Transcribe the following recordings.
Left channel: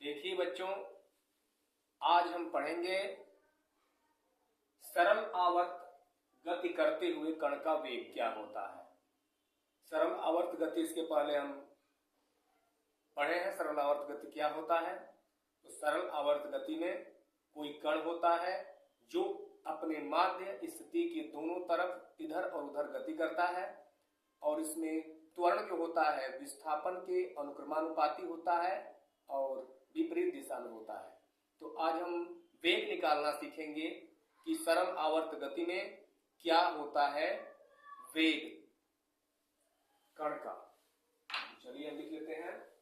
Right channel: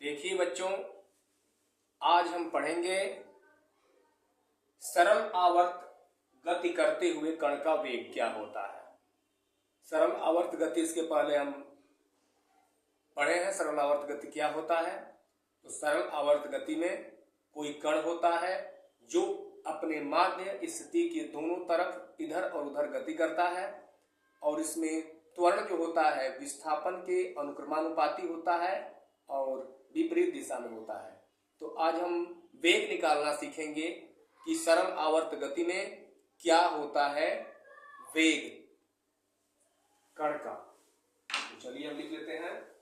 देखिए बच्चों, आज हम पढ़ेंगे सरल आवर्त गति करते हुए कण का वेग क्या होता है। सरल आवर्त गति, इसके पहले हम पढ़े हैं सरल आवर्त गति क्या होता है। तो सरल आवर्त गति में कोई कण होता है जो अपने माध्य स्थिति के दोनों तरफ इधर और उधर गति करता है, और इसमें त्वरण जो होता है विस्थापन के अनुक्रमानुपाती होता है और विपरीत दिशा में होता है। तो आज हम वेग निकालना सीखेंगे कि सरल आवर्त गति में क्या होता है वेग कण का। तो चलिए हम लिख लेते हैं।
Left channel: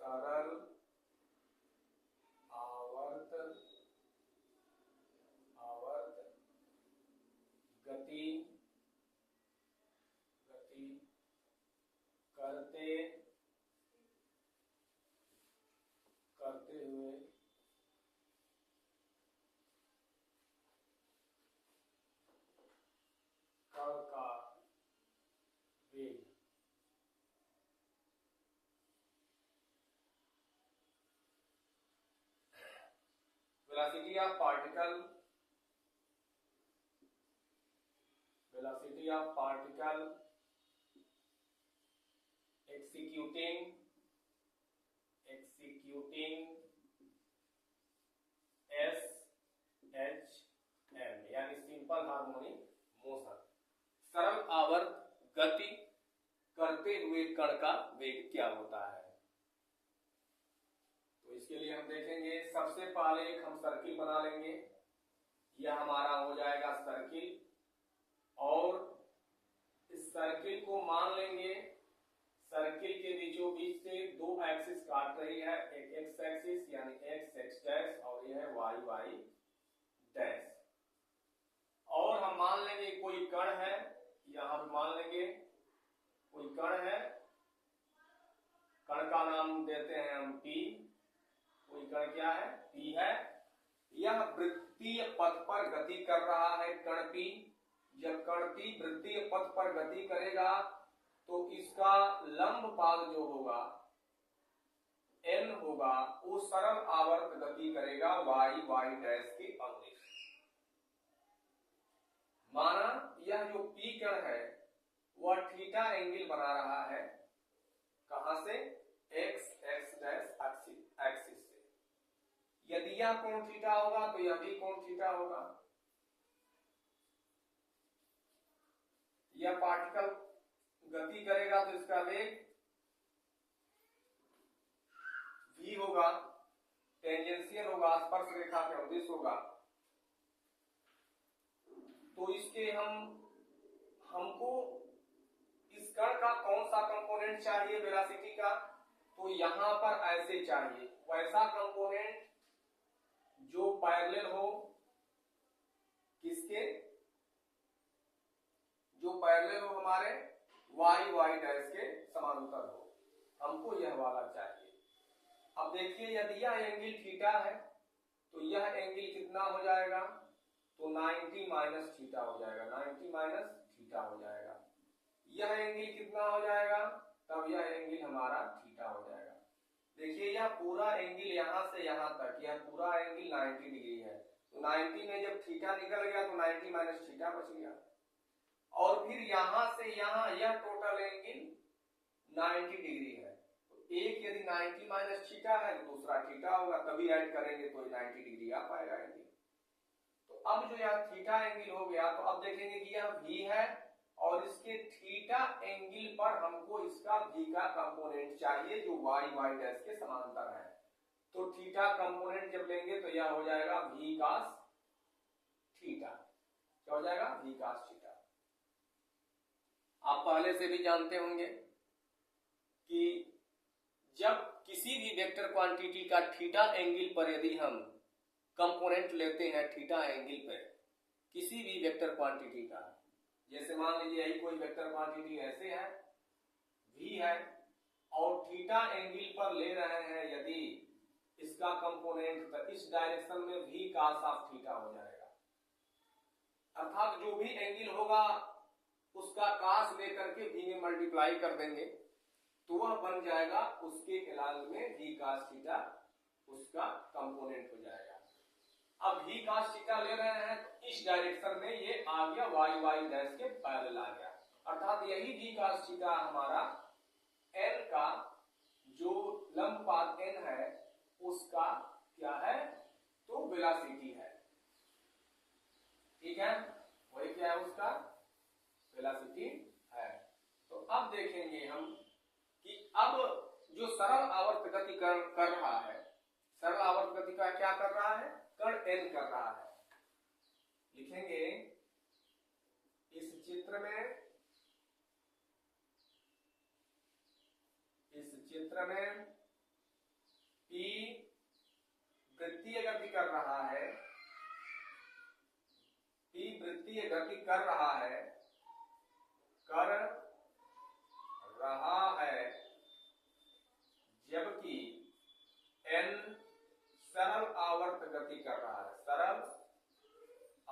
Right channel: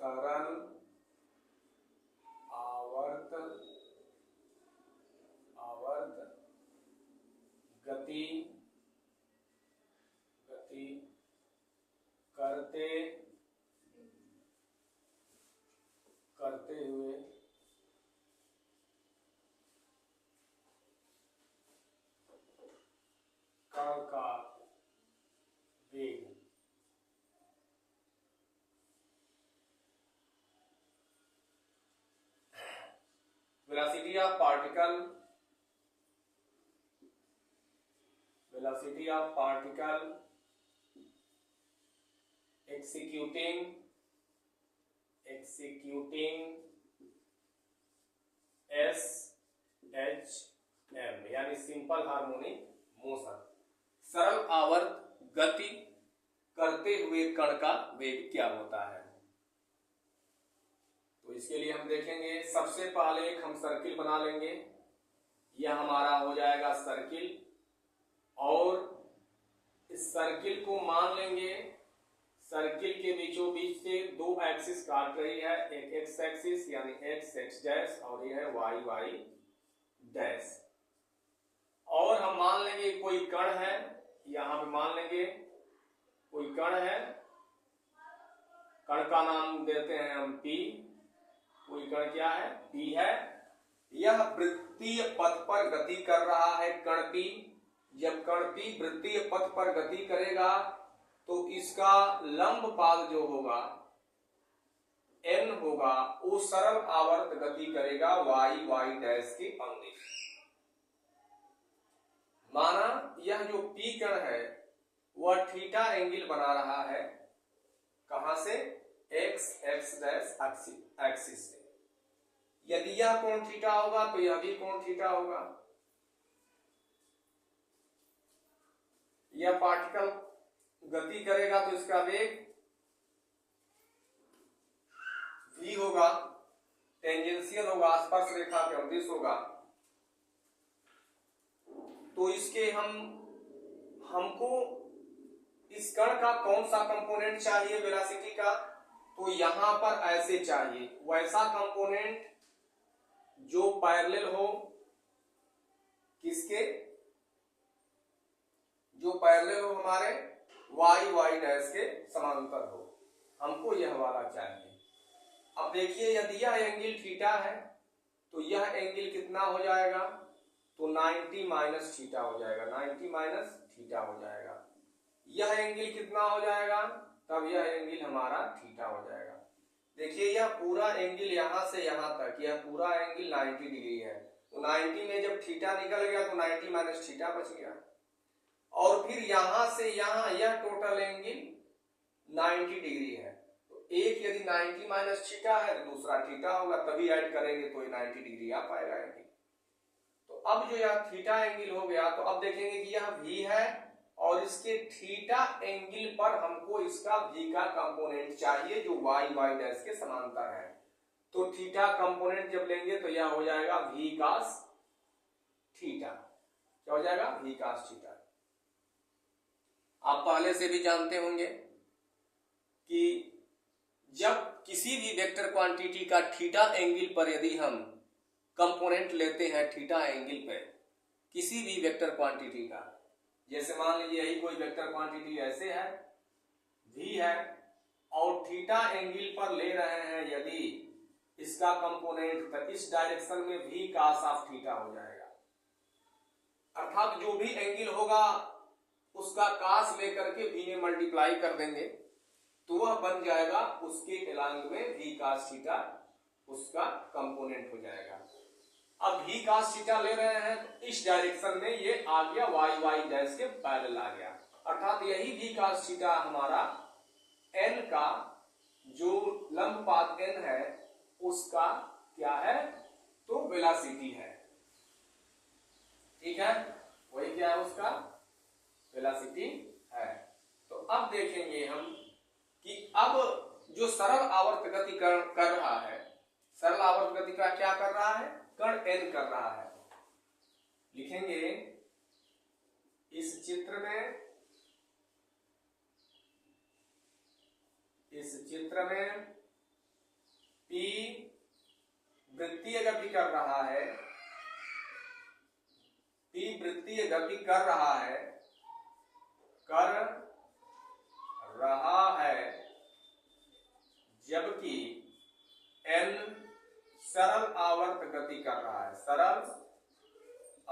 सरल आवर्त गति करते हुए कण का वेग। Velocity of particle executing SHM यानी सिंपल हार्मोनिक मोशन। सरल आवर्त गति करते हुए कण का वेग क्या होता है। तो इसके लिए हम देखेंगे, सबसे पहले एक हम सर्किल बना लेंगे। यह हमारा हो जाएगा सर्किल, और इस सर्किल को मान लेंगे सर्किल के बीचों बीच से दो एक्सिस काट रही है, एक एक्स एक्सिस यानी एक्स एक्स डैश और यह है वाई वाई डैश। और हम मान लेंगे कोई कण है, यहां पे मान लेंगे कोई कण है, कण का नाम देते हैं हम P। कोई कण क्या है? P है। यह वृत्तीय पथ पर गति कर रहा है कण P। जब कण P वृत्तीय पथ पर गति करेगा तो इसका लंब पाद जो होगा n होगा, वो सरल आवर्त गति करेगा y y डैश के अनुदिश। माना यह जो P कण है वह थीटा एंगल बना रहा है, कहां से? x x डैश एक्सिस से। यदि यह कोण थीटा होगा तो यह भी कोण थीटा होगा। यह पार्टिकल गति करेगा तो इसका वेग v होगा, टेंजेंशियल होगा, स्पर्श रेखा के अनुदिश होगा। तो इसके हमको इस कण का कौन सा कंपोनेंट चाहिए वेलोसिटी का? तो यहां पर ऐसे चाहिए, वैसा कंपोनेंट जो पैरेलल हो, किसके? जो पैरेलल हो हमारे वाई वाई डैश के समांतर हो, हमको यह वाला चाहिए। अब देखिए, यदि यह एंगल थीटा है तो यह एंगल कितना हो जाएगा? तो 90 माइनस थीटा हो जाएगा, 90 माइनस थीटा हो जाएगा। यह एंगल कितना हो जाएगा? तब यह एंगल हमारा थीटा हो जाएगा। देखिए, यह पूरा एंगल यहां से यहां तक, यह पूरा एंगल 90 डिग्री है। तो 90 में जब थीटा निकल गया तो 90 माइनस थीटा बच गया, और फिर यहां से यहां यह टोटल एंगल 90 डिग्री है। तो एक यदि 90 माइनस थीटा है तो दूसरा थीटा होगा, तभी ऐड करेंगे तो 90 डिग्री आ पाएगा एंगल। तो अब जो यह थीटा एंगल हो गया, तो अब देखेंगे कि यह v है और इसके थीटा एंगल पर हमको इसका v का कंपोनेंट चाहिए जो y y डैश के समांतर है। तो थीटा कंपोनेंट जब लेंगे तो यह हो जाएगा v cos थीटा। क्या हो जाएगा? v cos theta. आप पहले से भी जानते होंगे कि जब किसी भी वेक्टर क्वांटिटी का थीटा एंगल पर यदि हम कंपोनेंट लेते हैं, थीटा एंगल पे किसी भी वेक्टर क्वांटिटी का, जैसे मान लीजिए यही कोई वेक्टर क्वांटिटी ऐसे है, v है, और थीटा एंगल पर ले रहे हैं यदि इसका कंपोनेंट, तो इस डायरेक्शन में v cos ऑफ थीटा हो जाएगा। अर्थात जो भी एंगल होगा उसका कास लेकर के v में मल्टीप्लाई कर देंगे तो वह बन जाएगा उसके एलांग में v cos थीटा, उसका कंपोनेंट हो जाएगा। अब v cos थीटा ले रहे हैं तो इस डायरेक्शन में ये आ गया y डैश के पैरेलल आ गया, अर्थात यही v cos थीटा हमारा n का जो लंब पाथ n है उसका क्या है, तो वेलोसिटी है। ठीक है, वही क्या है, उसका वेलोसिटी है। तो अब देखेंगे हम कि अब जो सरल आवर्त गति कर रहा है, सरल आवर्त गति का क्या कर रहा है, कण n कर रहा है। लिखेंगे इस चित्र में P वृत्तीय गति कर रहा है, P वृत्तीय गति कर रहा है, जबकि n सरल आवर्त गति कर रहा है, सरल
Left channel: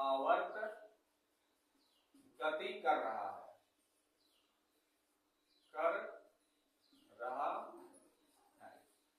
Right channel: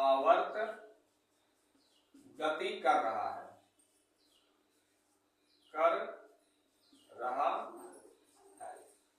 आवर्त गति कर रहा है,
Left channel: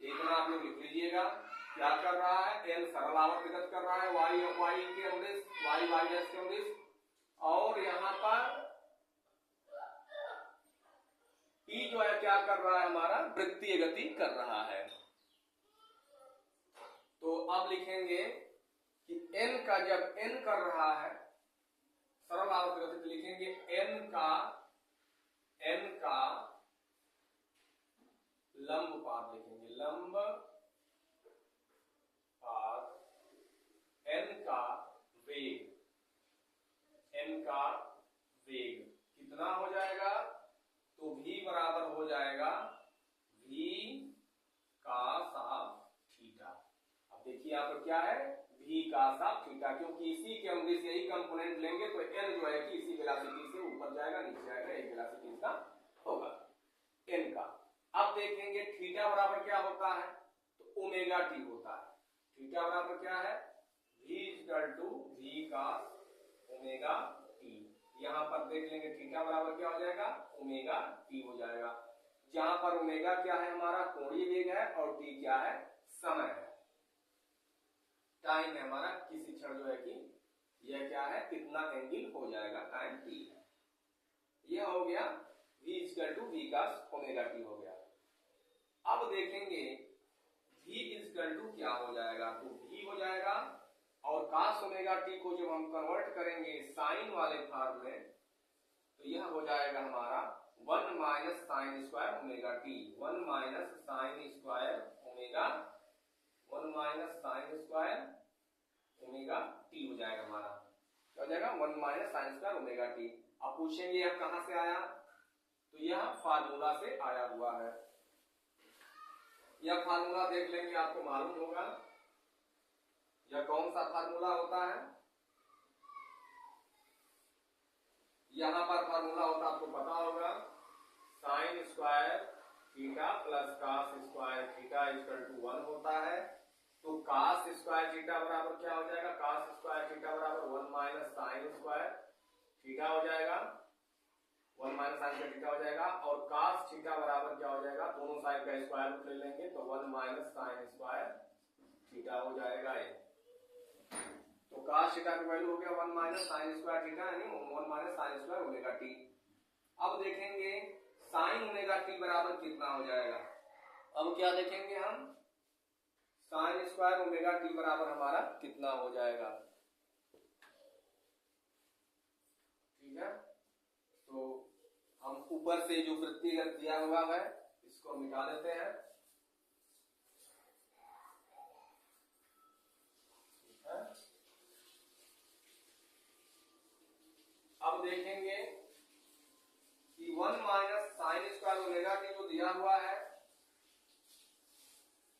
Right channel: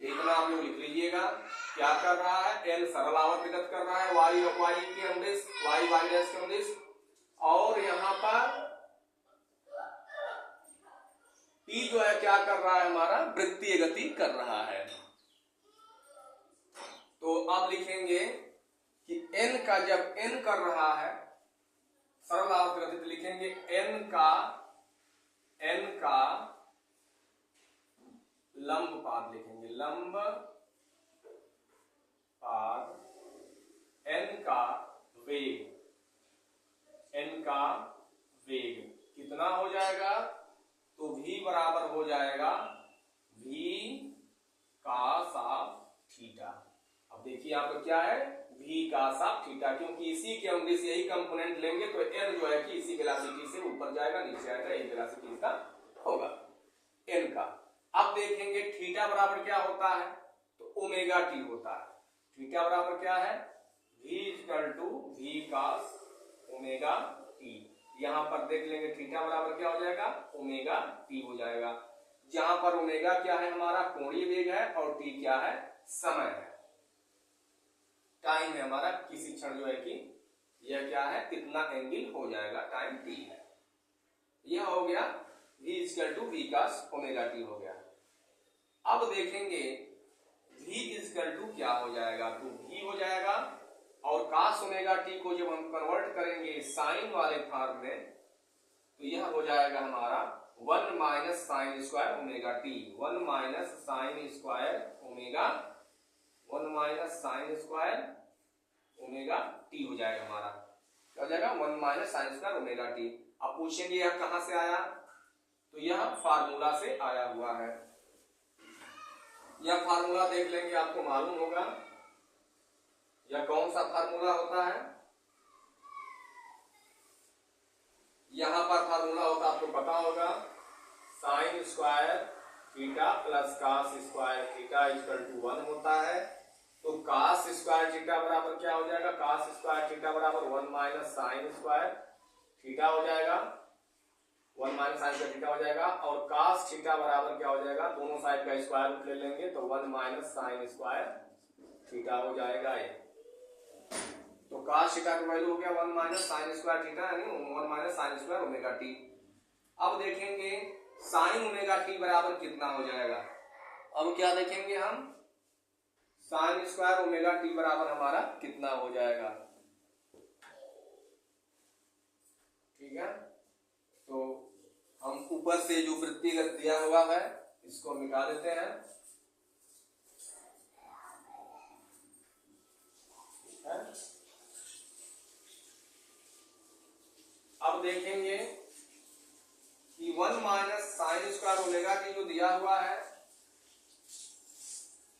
एक ना आप लोग लिख लीजिएगा क्या कर रहा है, n सरल आवर्त गति कर रहा है y के अनुदिश, y डैश के अनुदिश, और यहाँ पर P जो है क्या कर रहा है, हमारा वृत्तीय गति कर रहा है। तो आप लिखेंगे कि n का जब n कर रहा है सरल आवर्त गति तो लिखेंगे n का लंब पाद, लिखेंगे लंब पाद, n का वेग, कितना हो जाएगा, तो v बराबर हो जाएगा v cos थीटा। अब देखिए यहाँ पर क्या है, v cos थीटा, क्योंकि इसी के अनुदिश यही कंपोनेंट लेंगे तो n जो है कि इसी वेलोसिटी से ऊपर जाएगा नीचे आएगा, यही वेलोसिटी इसका होगा n का। अब देखेंगे थीटा बराबर क्या होता है, तो ओमेगा टी होता है। थीटा बराबर क्या है, v cos ओमेगा टी। यहाँ पर देख लेंगे थीटा बराबर क्या हो जाएगा, ओमेगा टी हो जाएगा, जहां पर ओमेगा क्या है, हमारा कोणीय वेग है, और टी क्या है, समय है, टाइम है हमारा, किसी क्षण जो है कि यह क्या है, कितना एंगल हो जाएगा, टाइम टी है। यह हो गया v cos ओमेगा टी हो गया। अब देखेंगे v क्या हो जाएगा, तो v हो जाएगा, और cos ओमेगा टी को जब हम कन्वर्ट करेंगे साइन वाले फॉर्म में तो यह हो जाएगा हमारा 1 minus sine square omega T, 1 minus sine square omega T हो जाएगा हमारा, क्या हो जाएगा, 1 minus sine square omega T. अब पूछेंगे यह कहां से आया, तो यह फार्मूला से आया हुआ है। यह फार्मूला देख लेंगे, आपको मालूम होगा यह कौन सा फार्मूला होता है। यहां पर फार्मूला होता है, आपको पता होगा, sine square theta plus cos square theta equal to 1 होता है। तो कॉस स्क्वायर थीटा बराबर क्या हो जाएगा, कॉस स्क्वायर थीटा बराबर 1 माइनस साइन स्क्वायर थीटा हो जाएगा, 1 माइनस साइन स्क्वायर थीटा हो जाएगा, और कॉस थीटा बराबर क्या हो जाएगा, दोनों साइड का स्क्वायर रूट ले लेंगे तो 1 माइनस साइन स्क्वायर थीटा हो जाएगा ये। तो cos थीटा का वैल्यू हो गया 1 माइनस साइन स्क्वायर थीटा, यानी 1 minus sine square omega T. अब देखेंगे साइन ओमेगा टी बराबर कितना हो जाएगा। अब क्या देखेंगे हम, साइन स्क्वायर ओमेगा टी बराबर हमारा कितना हो जाएगा। ठीक है, तो हम ऊपर से जो वृत्तिगत दिया हुआ है इसको मिटा देते हैं। अब देखेंगे कि 1 minus sine square omega T जो दिया हुआ है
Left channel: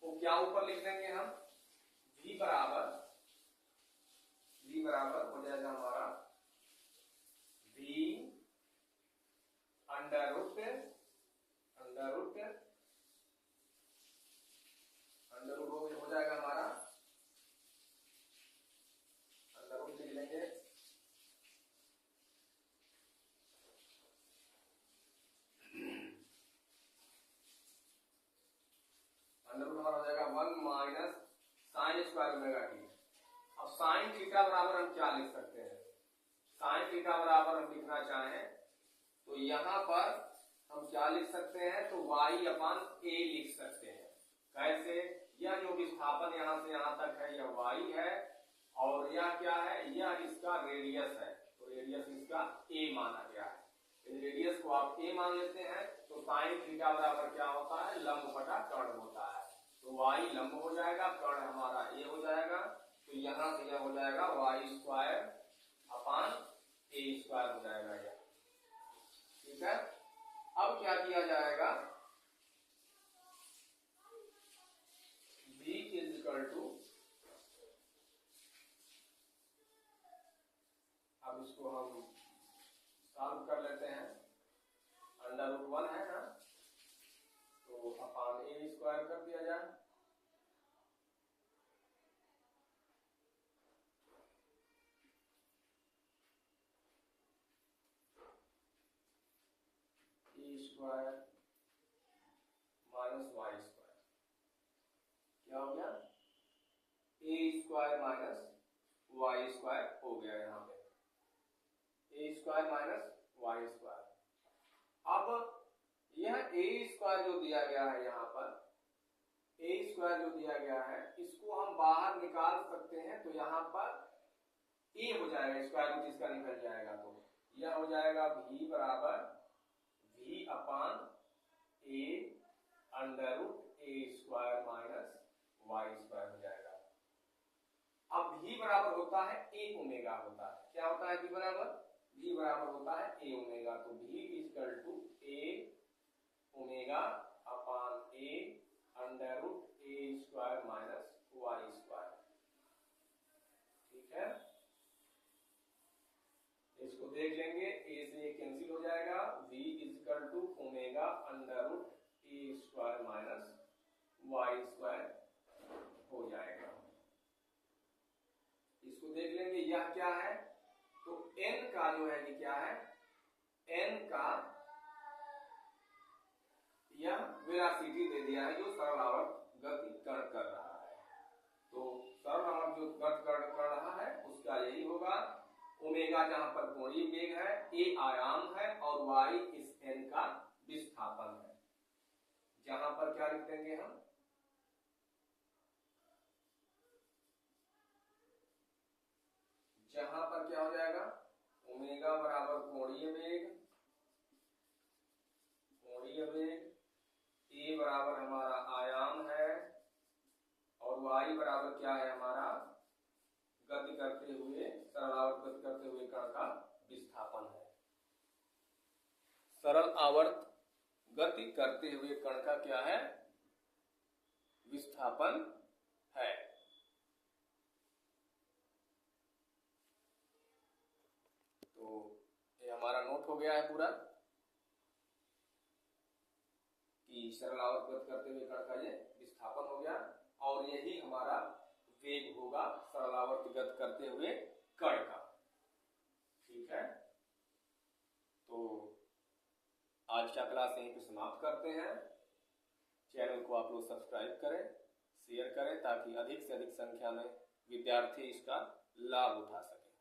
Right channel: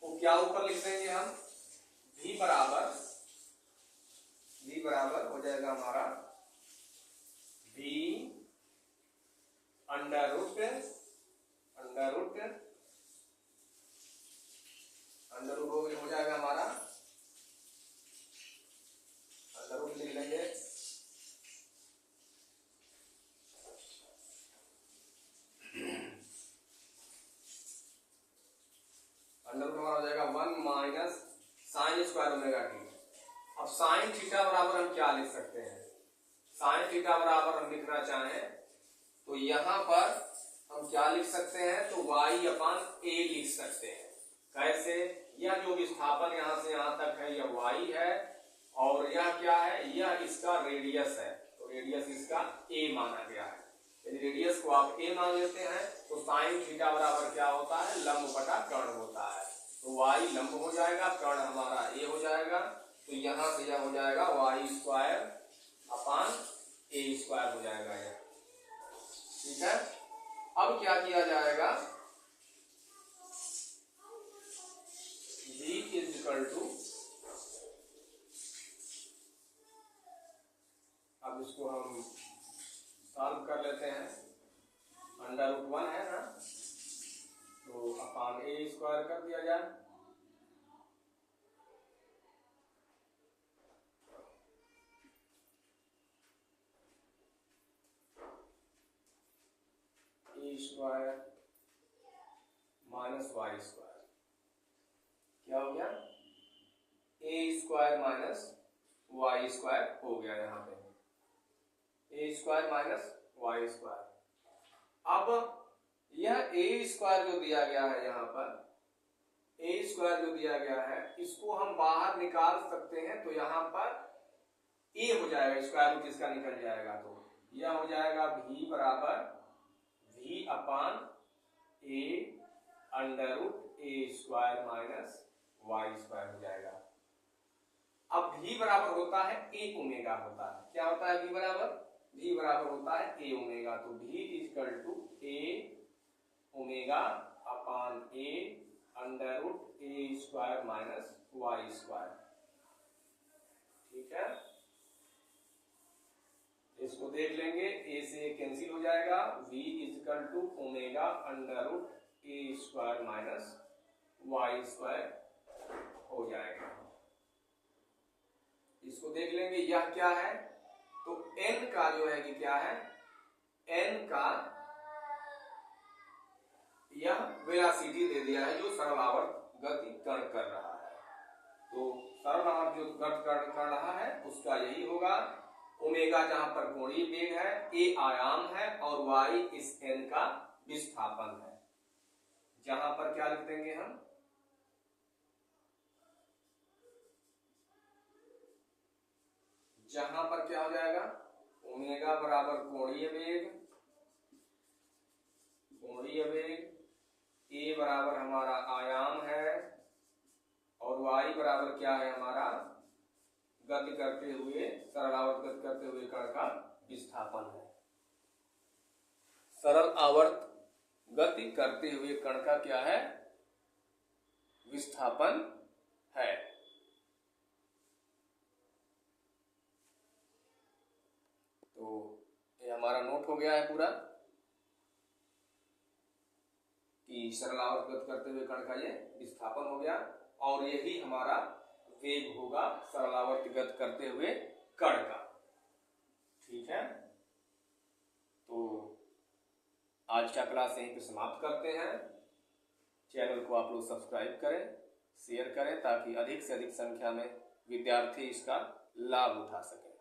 वो क्या ऊपर लिख देंगे हम, v बराबर हो जाएगा हमारा v अंडर रूट हो जाएगा हमारा, अंडर रूट लिख लेंगे क्या लिख सकते हैं, साइन थीटा बराबर हम लिखना चाहें तो यहां पर हम क्या लिख सकते हैं, तो y अपान a लिख सकते हैं। कैसे, यह जो विस्थापन यहां से यहां तक है यह y है और यह क्या है, यह इसका रेडियस है, तो रेडियस इसका a माना गया है। यदि रेडियस को आप a मान लेते हैं तो साइन थीटा बराबर क्या होता है, लंब बटा कर्ण होता है। तो y लंब हो जाएगा, कर्ण हमारा a हो जाएगा, तो यहां से यह हो जाएगा y square upon a square हो जाएगा यह। ठीक है, अब क्या किया जाएगा, v इज इक्वल टू, अब इसको हम सॉल्व कर लेते हैं, √1 है ना, तो अपान a स्क्वायर कर दिया जाए, a square minus y square, क्या हो गया, a square minus y square हो गया यहाँ पे, a square minus y square. अब यह a स्क्वायर जो दिया गया है यहाँ पर, a स्क्वायर जो दिया गया है इसको हम बाहर निकाल सकते हैं, तो यहाँ पर a हो जाएगा, स्क्वायर रूट इसका निकल जाएगा, तो यह हो जाएगा v बराबर v upon a under root a square minus y square हो जाएगा। अब v बराबर होता है a ओमेगा होता है, क्या होता है v बराबर, v बराबर होता है a ओमेगा, तो v equal to a omega upon a under root a square minus y square. ठीक है, इसको देख लेंगे, a से कैंसिल हो जाएगा, v equal to omega under root a square minus y square हो जाएगा। इसको देख लेंगे, यह क्या है, तो n का जो है कि क्या है, n का यह वेलोसिटी दे दिया है जो सरल आवर्त गति कण कर रहा है, तो सरल आवर्त जो गति कण कर रहा है उसका यही होगा, ओमेगा जहां पर कोणीय वेग है, a आयाम है और y इस n का विस्थापन है, जहां पर क्या लिख देंगे हम, जहां पर क्या हो जाएगा, ओमेगा बराबर कोणीय वेग, a बराबर हमारा आयाम है और y बराबर क्या है हमारा, गति करते हुए, सरल आवर्त गति करते हुए कण का विस्थापन है। सरल आवर्त गति करते हुए कण का क्या है, विस्थापन है। तो ये हमारा नोट हो गया है पूरा कि सरल आवर्त गति करते हुए कण का ये विस्थापन हो गया और यही हमारा वेग होगा सरल आवर्त गति करते हुए कण का। ठीक है, तो आज का क्लास यहीं पे समाप्त करते हैं। चैनल को आप लोग सब्सक्राइब करें, शेयर करें ताकि अधिक से अधिक संख्या में विद्यार्थी इसका लाभ उठा सकें।